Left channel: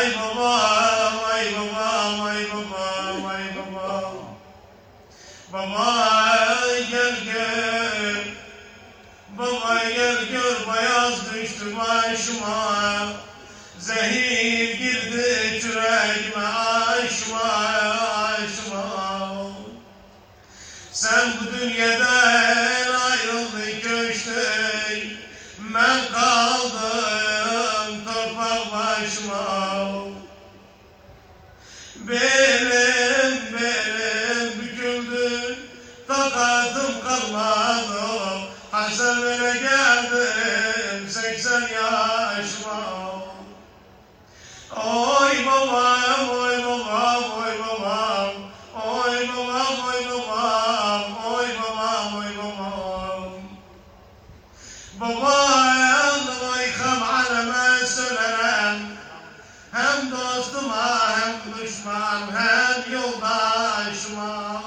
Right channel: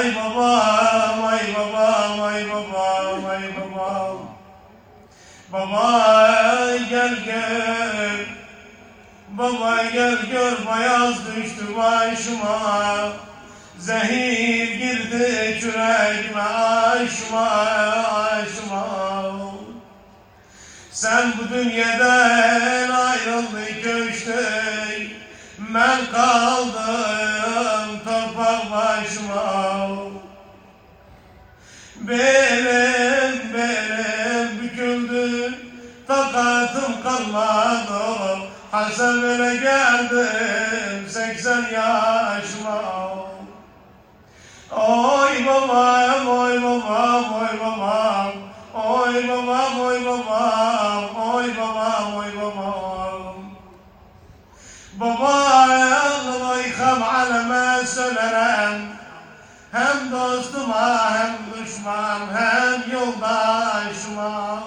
Ay babam, ay babam, ay babam, ay babam. Baba gel gel, baba gel gör, bayaz düştü başıma. Zehir girdi yüreğime, aşıma, aşıma. Sen bu dünyadan ayrıldın köştün, ben kaldım torpak başıma. Belim büküldü, takatım kalmadı. Hasebine geldim 80 yaşıma. Oy babam, oy babam, oy babam. Oy babam, oy babam, oy babam, oy babam. Baba Allah yıkam aleme söylenem. Hem dostuma hem düşman hem yoldaşıma.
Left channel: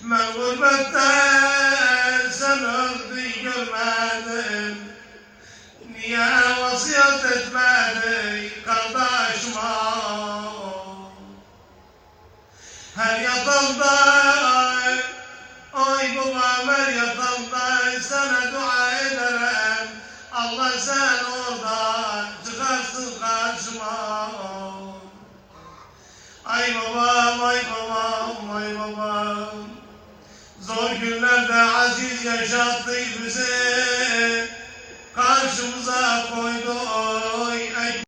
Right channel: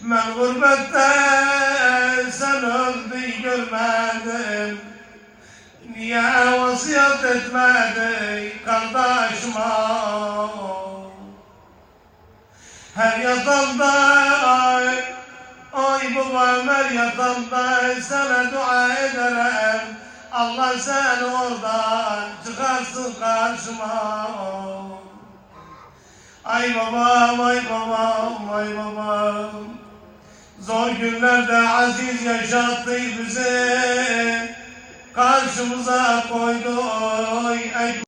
Ben gurbette sen öldü görmedim. Niye vasiyet etmedi kardeşime? Her yatanda ay babam, her yatanda sana dua ederim. Allah sen oradan çıkarsın karşıma. Ay babam, ay babam, ay babam. Zor günlerde aziz yaşattı bizi. Karşımıza koydu